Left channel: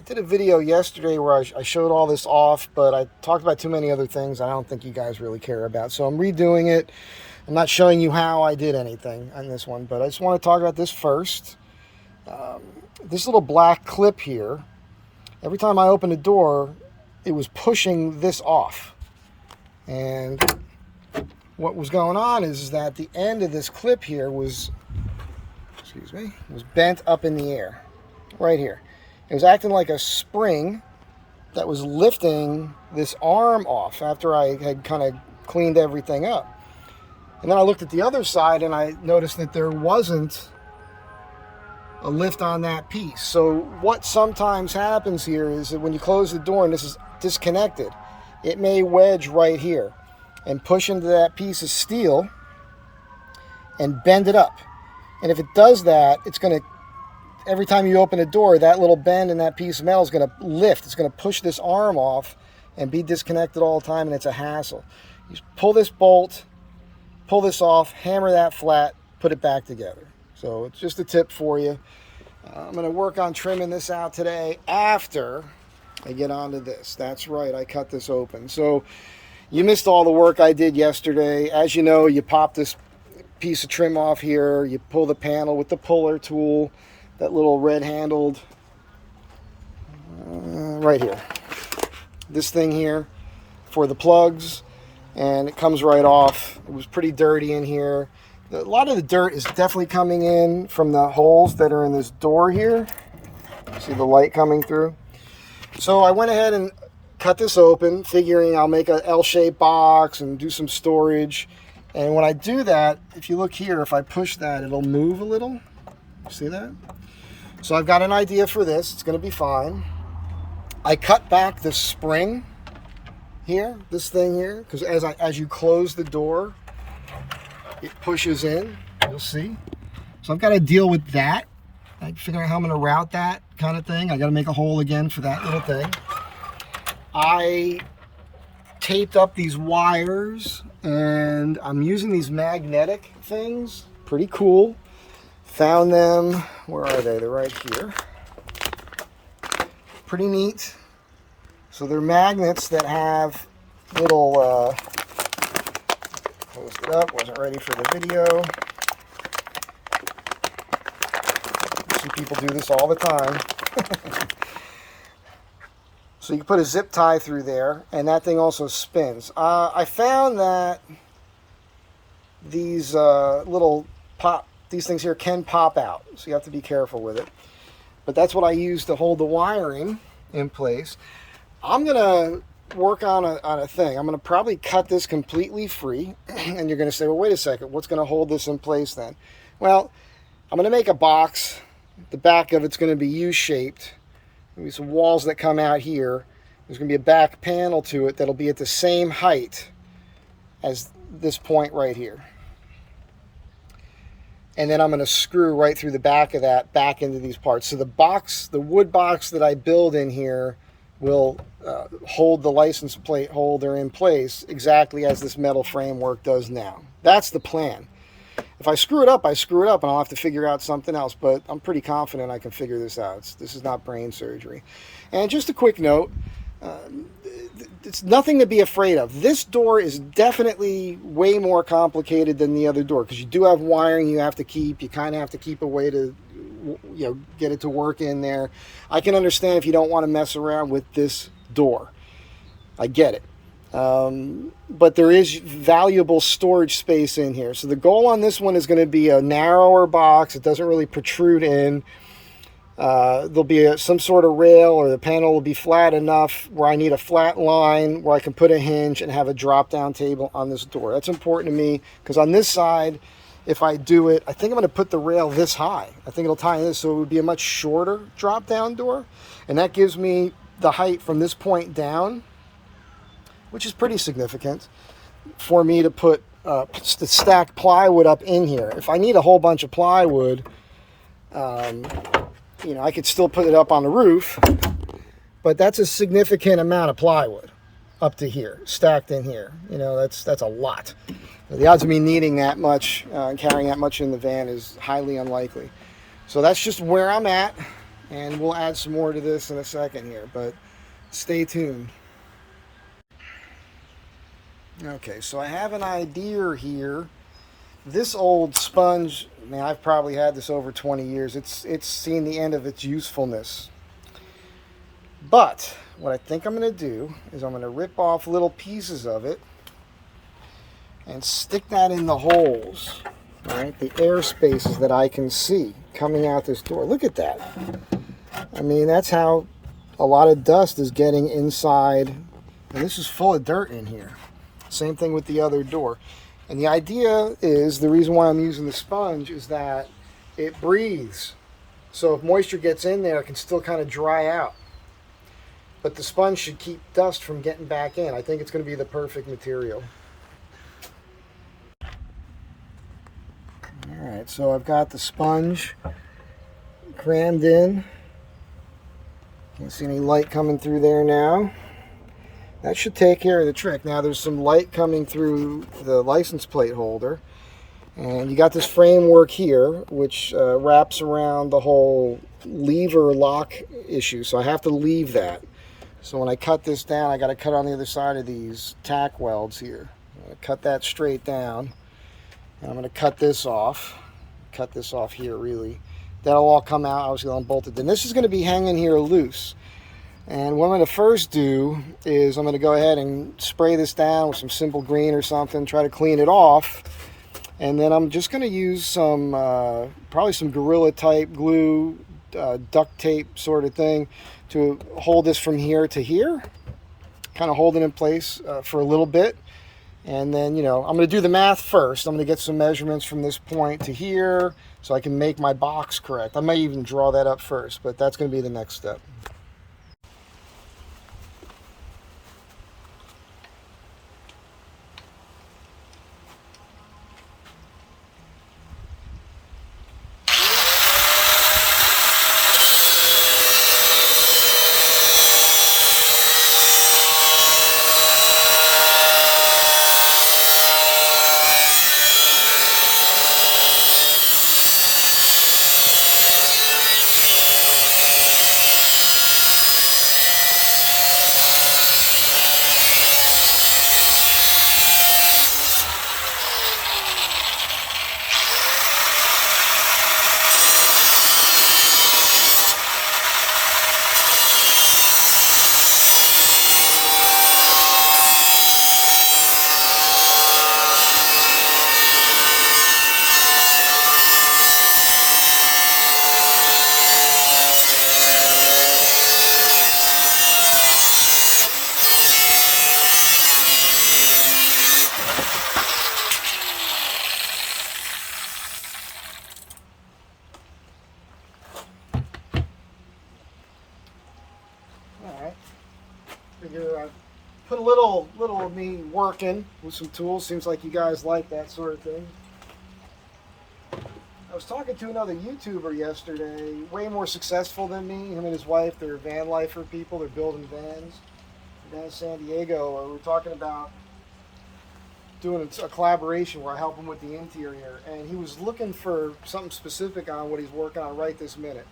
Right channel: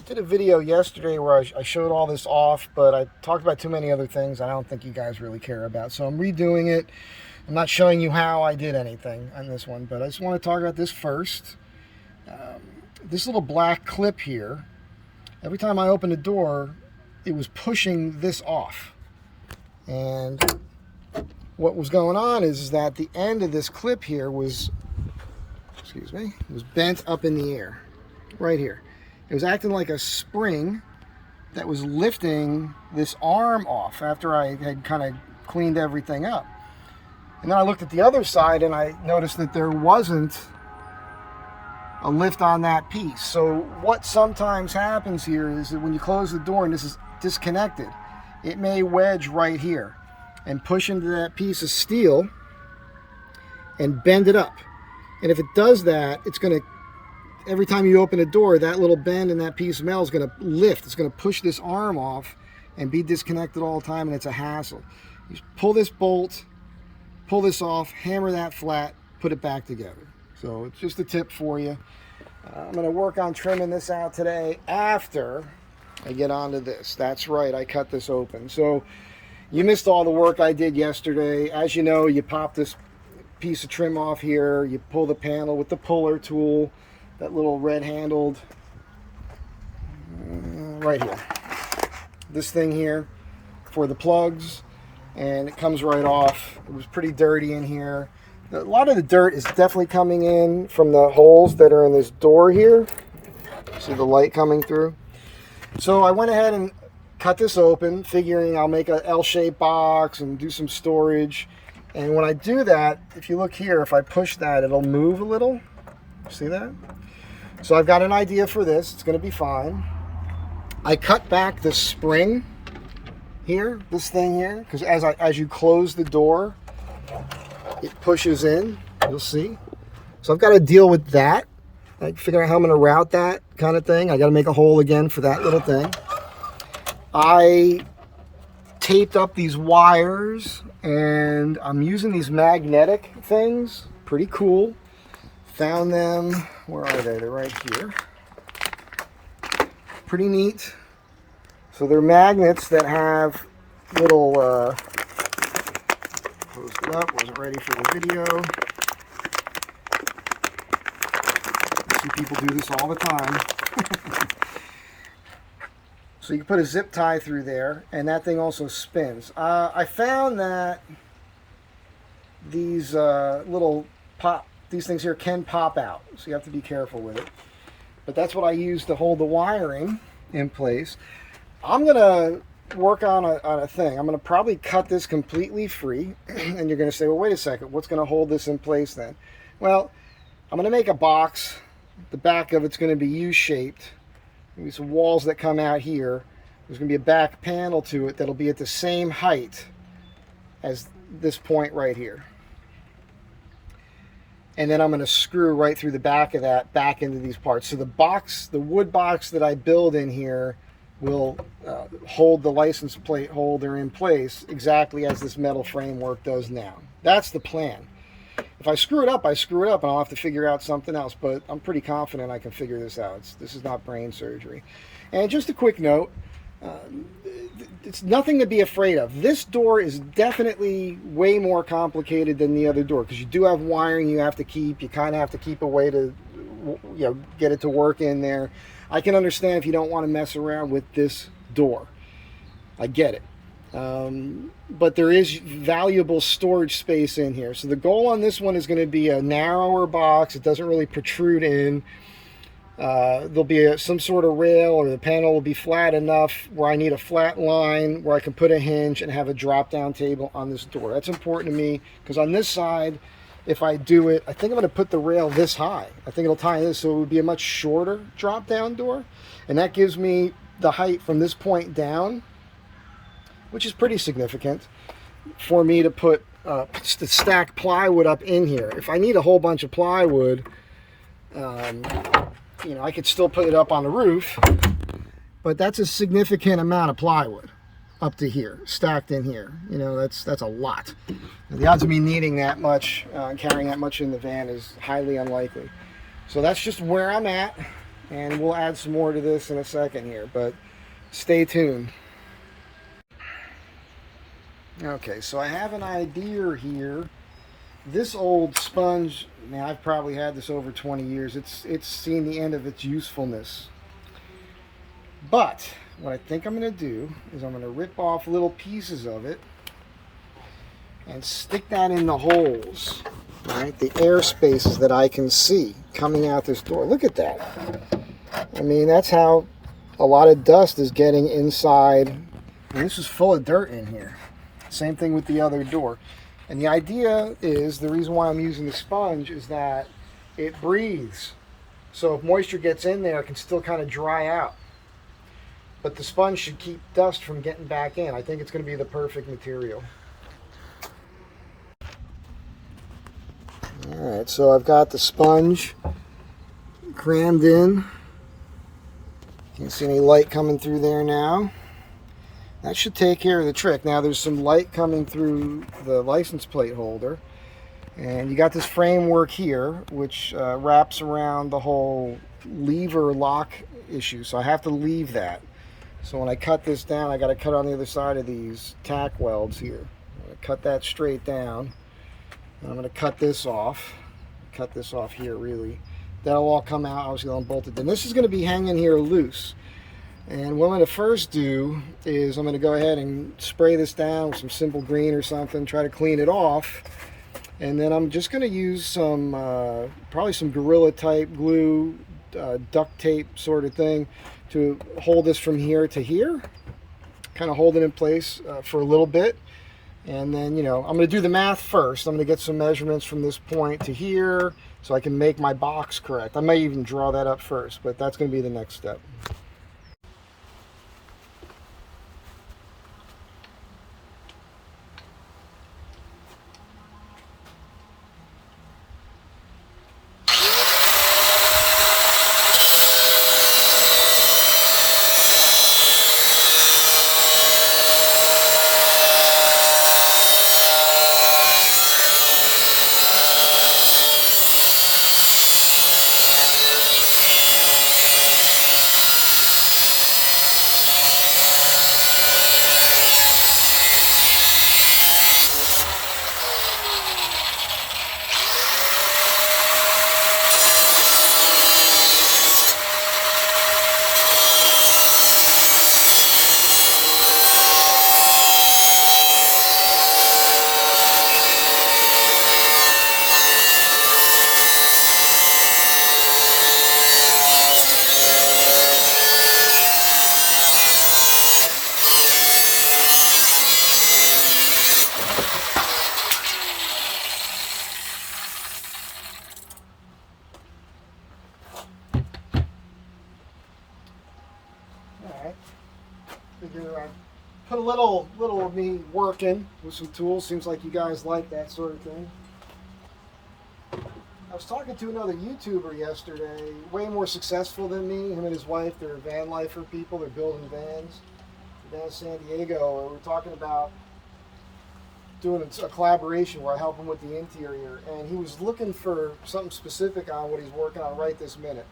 I did a video yesterday where I showed all this off, but I talked about too many other things I don't think you guys really care about. So I'm redoing it. I'm not showing you how I did anything on this one, but I just want to talk about this first. This little black clip here, every time I opened the door, it was pushing this off. And what was going on is that the end of this clip here was bent up in the air, right here. It was acting like a spring that was lifting this arm off after I had kind of cleaned everything up. And then I looked at the other side and I noticed that there wasn't a lift on that piece. So what sometimes happens here is that when you close the door and this is disconnected, it may wedge right here and push into that piece of steel and bend it up. And if it does that, it's going to, every time you open a door, that little bend in that piece of metal is going to lift. It's going to push this arm off and be disconnected all the time, and it's a hassle. You just pull this bolt, pull this off, hammer that flat, put it back together. So it's just a tip for you. I'm going to work on trimming this out today after I get onto this. That's right, I cut this open. So you missed all the work I did yesterday. As you know, you pop this piece of trim off here, you pull the panel with the puller tool, that little red handled, right here. This thing here for the plugs, and it comes right off. It was pretty dirty in here. A lot of the dirt is definitely coming in from the holes that are in this door here. See the light coming through? So I went ahead and cut this open, figuring I'll make an L-shaped box and do some storage. And when I do that, if you look here, if I push that, it'll move a little. See that? So I've got an idea for this. It's going to be fine. I cut back the spring here, this thing here, because as you close the door, it pushes in. You'll see. So I've got to deal with that. Like figuring out how I'm going to route that kind of thing. I got to make a hole again for that little thing. I taped up these wires, and I'm using these magnetic things. Pretty cool. Found them. Where are they? They're right here. Pretty neat. So they're magnets that have little closed it up, wasn't ready for the video. I see people do this all the time. So you can put a zip tie through there, and that thing also spins. I found that these these things here can pop out, so you have to be careful with it. But that's what I use to hold the wiring in place. I'm gonna work on a thing. I'm gonna probably cut this completely free, and you're gonna say, well, wait a second, what's gonna hold this in place then? Well, I'm gonna make a box. The back of it's gonna be U-shaped. There'll be some walls that come out here. There's gonna be a back panel to it that'll be at the same height as this point right here. And then I'm going to screw right through the back of that back into these parts. So the box, the wood box that I build in here will hold the license plate holder in place exactly as this metal framework does now. That's the plan. If I screw it up, I screw it up, and I'll have to figure out something else. But I'm pretty confident I can figure this out. This is not brain surgery. And just a quick note, it's nothing to be afraid of. This door is definitely way more complicated than the other door, because you do have wiring you have to keep. You kind of have to keep a way to, get it to work in there. I can understand if you don't want to mess around with this door. I get it. But there is valuable storage space in here. So the goal on this one is going to be a narrower box. It doesn't really protrude in. There'll be some sort of rail, or the panel will be flat enough where I need a flat line where I can put a hinge and have a drop down table on this door. That's important to me, because on this side, if I do it, I think I'm going to put the rail this high. I think it'll tie in this, so it would be a much shorter drop down door, and that gives me the height from this point down, which is pretty significant for me to put to stack plywood up in here. If I need a whole bunch of plywood, I could still put it up on the roof, but that's a significant amount of plywood up to here, stacked in here. That's a lot. The odds of me needing that much, carrying that much in the van is highly unlikely. So that's just where I'm at. And we'll add some more to this in a second here, but stay tuned. Okay, so I have an idea here. This old sponge, man, I've probably had this over 20 years. It's seen the end of its usefulness. But what I think I'm going to do is I'm going to rip off little pieces of it and stick that in the holes, right? The air spaces that I can see coming out this door. Look at that. I mean, that's how a lot of dust is getting inside. And this is full of dirt in here. Same thing with the other door. And the idea is, the reason why I'm using the sponge is that it breathes. So if moisture gets in there, it can still kind of dry out. But the sponge should keep dust from getting back in. I think it's going to be the perfect material. Alright, so I've got the sponge crammed in. Can't see any light coming through there now. That should take care of the trick. Now there's some light coming through the license plate holder. And you got this framework here, which wraps around the whole lever lock issue. So I have to leave that. So when I cut this down, I got to cut on the other side of these tack welds here. I'm going to cut that straight down. And I'm going to cut this off. Cut this off here, really. That'll all come out, obviously unbolted. Then this is going to be hanging here loose. And what I'm going to first do is I'm going to go ahead and spray this down with some simple green or something, try to clean it off. And then I'm just going to use some, probably some Gorilla type glue, duct tape sort of thing to hold this from here to here. Kind of hold it in place for a little bit. And then, you know, I'm going to do the math first. I'm going to get some measurements from this point to here so I can make my box correct. I may even draw that up first, but that's going to be the next step. Figure put a little of me working with some tools. Seems like you guys like that sort of thing. I was talking to another YouTuber yesterday, way more successful than me. Him and his wife, they're van lifer people. They're building vans down in San Diego. We were talking about doing a collaboration where I help him with the interior. And he was looking for something specific on what he's working on right this minute.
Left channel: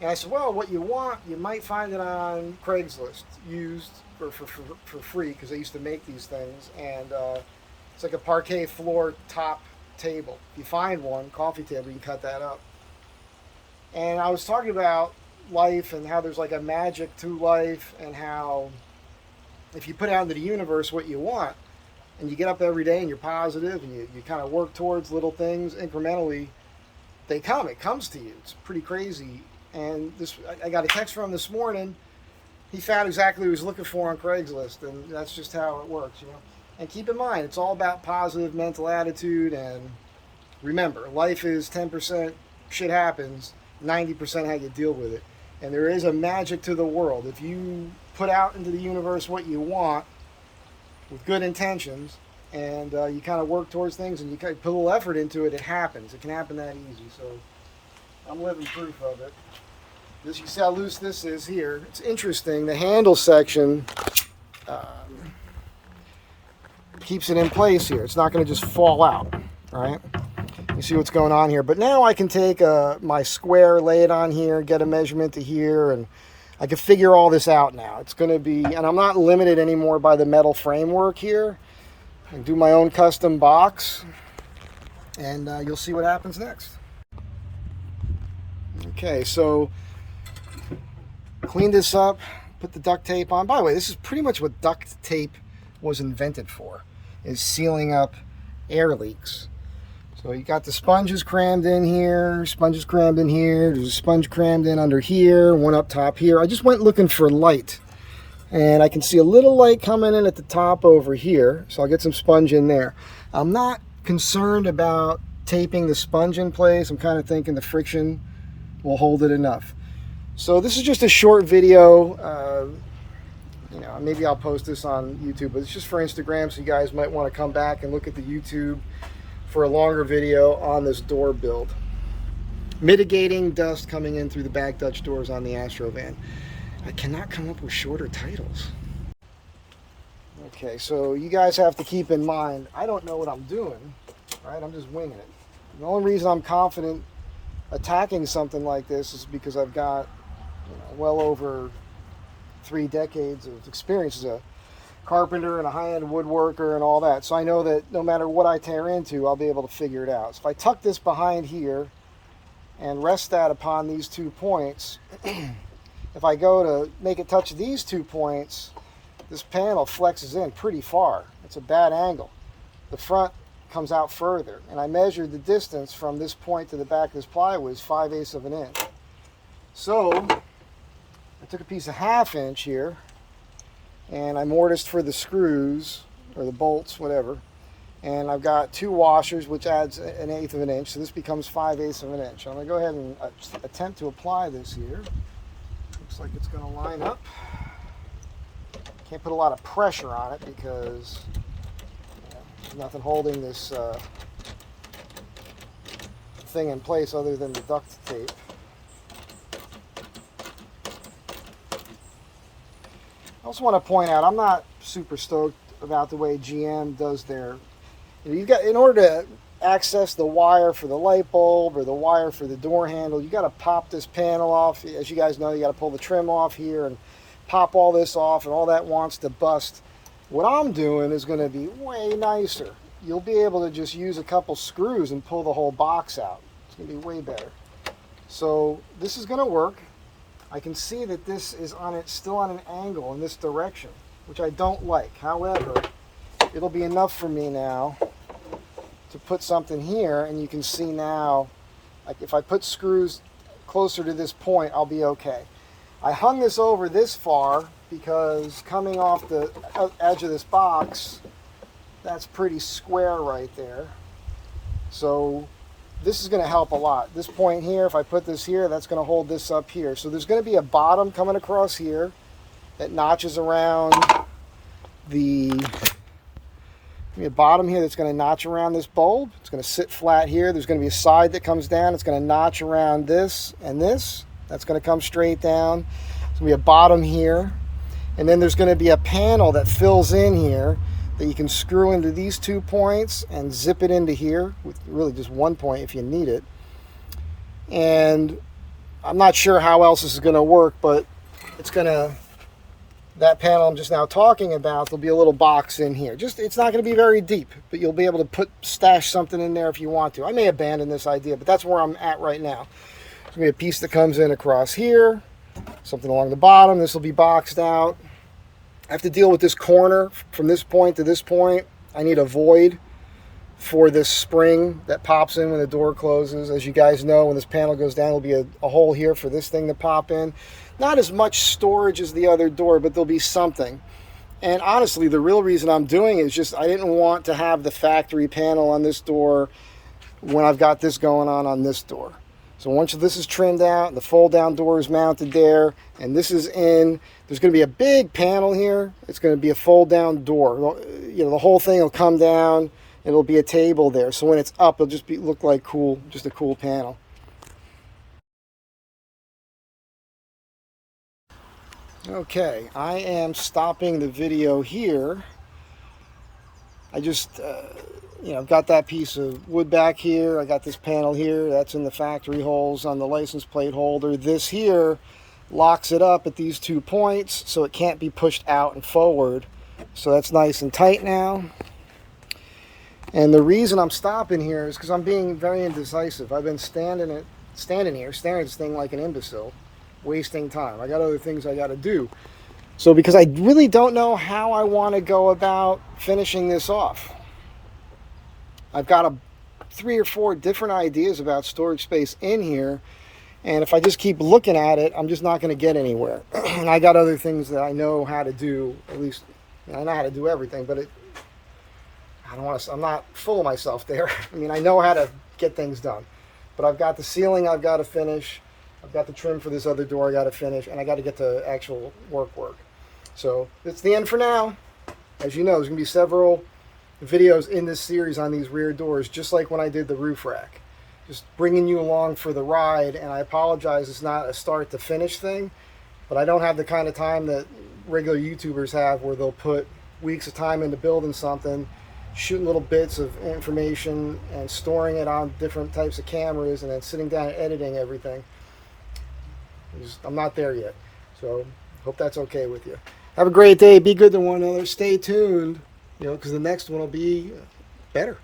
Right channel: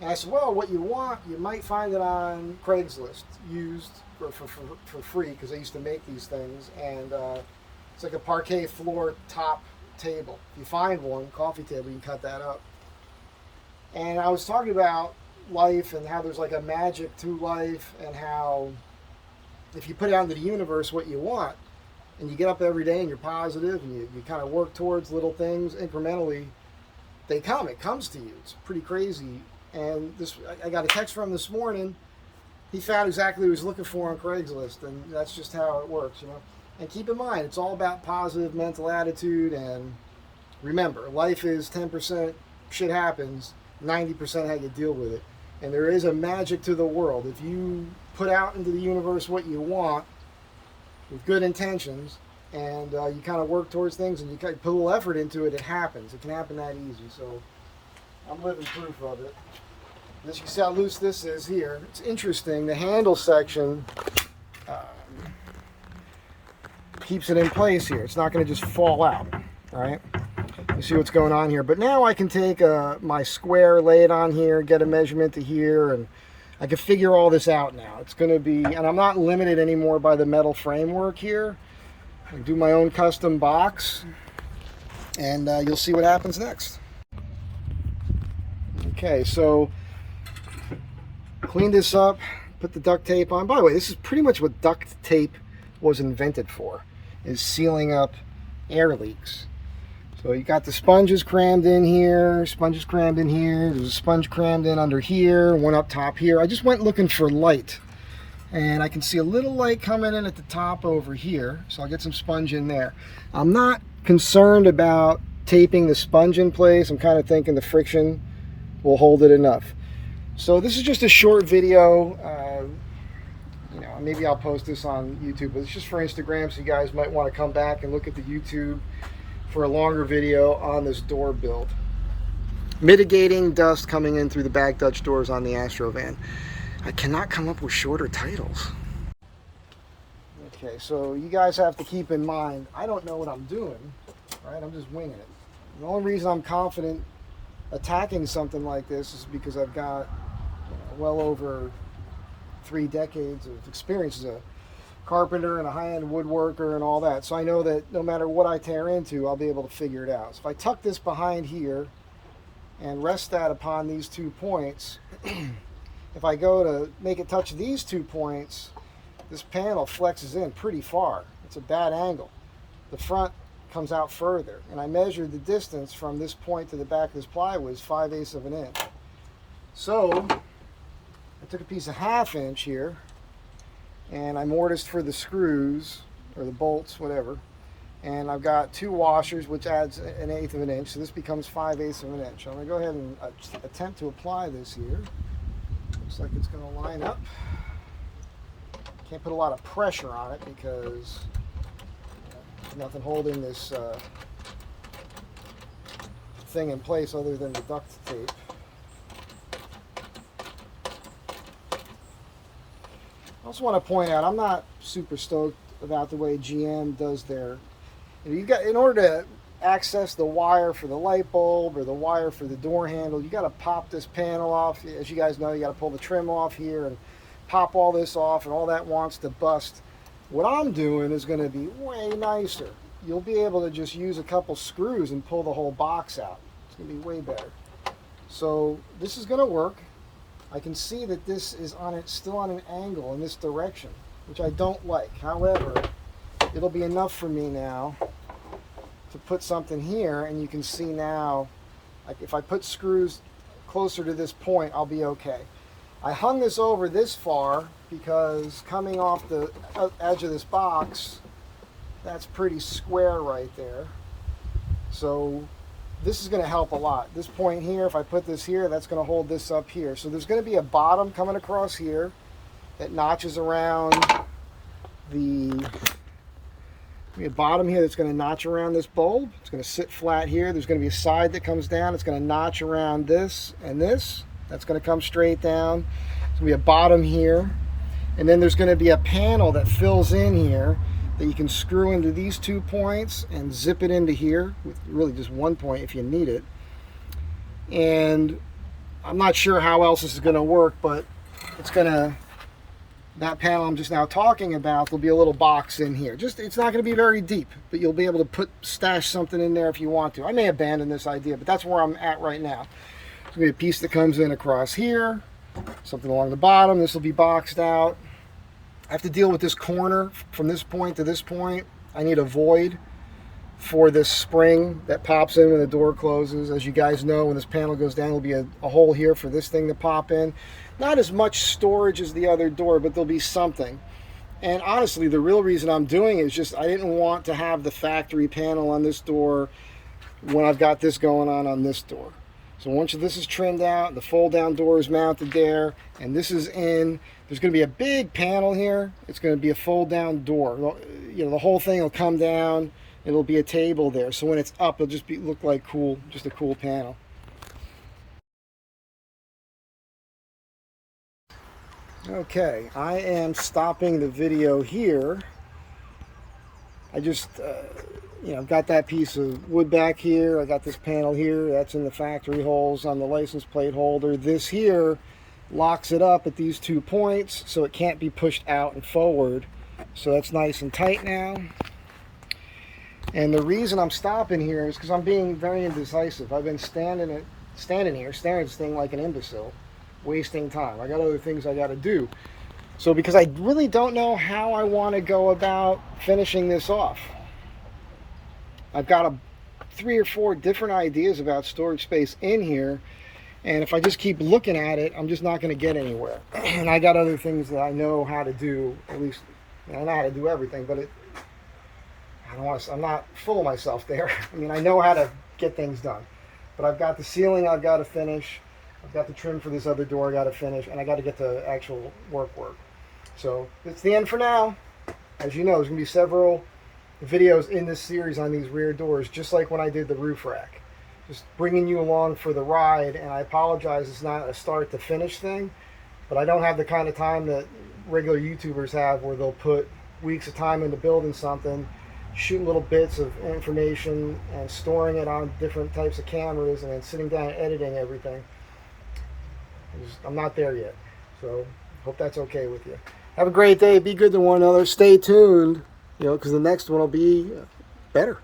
And I said, well, what you want, you might find it on Craigslist, used for free, because they used to make these things. And it's like a parquet floor top table. If you find one, coffee table, you can cut that up. And I was talking about life and how there's like a magic to life, and how if you put out into the universe what you want, and you get up every day and you're positive and you kind of work towards little things incrementally, it comes to you. It's pretty crazy. And I got a text from him this morning. He found exactly what he was looking for on Craigslist, and that's just how it works, you know. And keep in mind, it's all about positive mental attitude. And remember, life is 10% shit happens, 90% how you deal with it. And there is a magic to the world. If you put out into the universe what you want with good intentions, and you kind of work towards things, and you put a little effort into it, it happens. It can happen that easy. So I'm living proof of it. This, you see how loose this is here. It's interesting. The handle section keeps it in place here. It's not going to just fall out, right? You see what's going on here. But now I can take my square, lay it on here, get a measurement to here, and I can figure all this out now. It's going to be, and I'm not limited anymore by the metal framework here. I can do my own custom box, and you'll see what happens next. Okay, so clean this up, put the duct tape on. By the way, this is pretty much what duct tape was invented for, is sealing up air leaks. So you got the sponges crammed in here, sponges crammed in here, there's a sponge crammed in under here, one up top here. I just went looking for light, and I can see a little light coming in at the top over here, so I'll get some sponge in there. I'm not concerned about taping the sponge in place. I'm kind of thinking the friction will hold it enough. So this is just a short video. You know, maybe I'll post this on YouTube, but it's just for Instagram, so you guys might want to come back and look at the YouTube for a longer video on this door build. Mitigating dust coming in through the back Dutch doors on the Astro van. I cannot come up with shorter titles. Okay, so you guys have to keep in mind, I don't know what I'm doing, right? I'm just winging it. The only reason I'm confident attacking something like this is because I've got, you know, well over 3 decades of experience as a carpenter and a high-end woodworker and all that. So I know that no matter what I tear into, I'll be able to figure it out. So if I tuck this behind here and rest that upon these 2 points, if I go to make it touch these 2 points, this panel flexes in pretty far. It's a bad angle. The front comes out further, and I measured the distance from this point to the back of this plywood is 5/8 of an inch. So I took a piece of 1/2 inch here, and I mortised for the screws, or the bolts, whatever. And I've got 2 washers, which adds 1/8 of an inch, so this becomes 5/8 of an inch. I'm gonna go ahead and attempt to apply this here. Looks like it's gonna line up. Can't put a lot of pressure on it because there's nothing holding this thing in place other than the duct tape. I also want to point out, I'm not super stoked about the way GM does their, you got, in order to access the wire for the light bulb or the wire for the door handle, you got to pop this panel off. As you guys know, you got to pull the trim off here and pop all this off, and all that wants to bust. What I'm doing is going to be way nicer. You'll be able to just use a couple screws and pull the whole box out. It's going to be way better. So this is going to work. I can see that this is on it, still on an angle in this direction, which I don't like. However, it'll be enough for me now to put something here, and you can see now, like if I put screws closer to this point, I'll be okay. I hung this over this far because coming off the edge of this box, that's pretty square right there. So this is going to help a lot. This point here, if I put this here, that's going to hold this up here. So there's going to be a bottom coming across here that notches around the, a bottom here that's going to notch around this bulb. It's going to sit flat here. There's going to be a side that comes down. It's going to notch around this and this. That's going to come straight down. There's going to be a bottom here. And then there's going to be a panel that fills in here that you can screw into these 2 points and zip it into here with really just 1 point if you need it. And I'm not sure how else this is going to work, but it's going to, that panel I'm just now talking about, there'll be a little box in here. Just, it's not going to be very deep, but you'll be able to stash something in there if you want to. I may abandon this idea, but that's where I'm at right now. There's going to be a piece that comes in across here, something along the bottom. This will be boxed out. I have to deal with this corner from this point to this point. I need a void for this spring that pops in when the door closes. As you guys know, when this panel goes down, there'll be a hole here for this thing to pop in. Not as much storage as the other door, but there'll be something. And honestly, the real reason I'm doing it is just I didn't want to have the factory panel on this door when I've got this going on this door. So once this is trimmed out, the fold down door is mounted there, and this is in, there's going to be a big panel here. It's going to be a fold down door. You know, the whole thing will come down. It'll be a table there. So when it's up, it'll just look like cool, just a cool panel. Okay, I am stopping the video here I just, you know, got that piece of wood back here. I got this panel here. That's in the factory holes on the license plate holder. This here locks it up at these 2 points so it can't be pushed out and forward. So that's nice and tight now. And the reason I'm stopping here is because I'm being very indecisive. I've been standing here, staring at this thing like an imbecile, wasting time. I got other things I got to do. So because I really don't know how I want to go about finishing this off. I've got 3 or 4 different ideas about storage space in here. And if I just keep looking at it, I'm just not going to get anywhere. And I got other things that I know how to do. At least, I know how to do everything, but I'm not full of myself there. I mean, I know how to get things done. But I've got the ceiling I've got to finish. I've got the trim for this other door I got to finish. And I got to get to actual work. So it's the end for now. As you know, there's going to be several videos in this series on these rear doors, just like when I did the roof rack. Just bringing you along for the ride. And I apologize, it's not a start to finish thing. But I don't have the kind of time that regular YouTubers have where they'll put weeks of time into building something, shooting little bits of information and storing it on different types of cameras and then sitting down and editing everything. I'm not there yet. So hope that's okay with you. Have a great day. Be good to one another. Stay tuned, you know, because the next one will be better.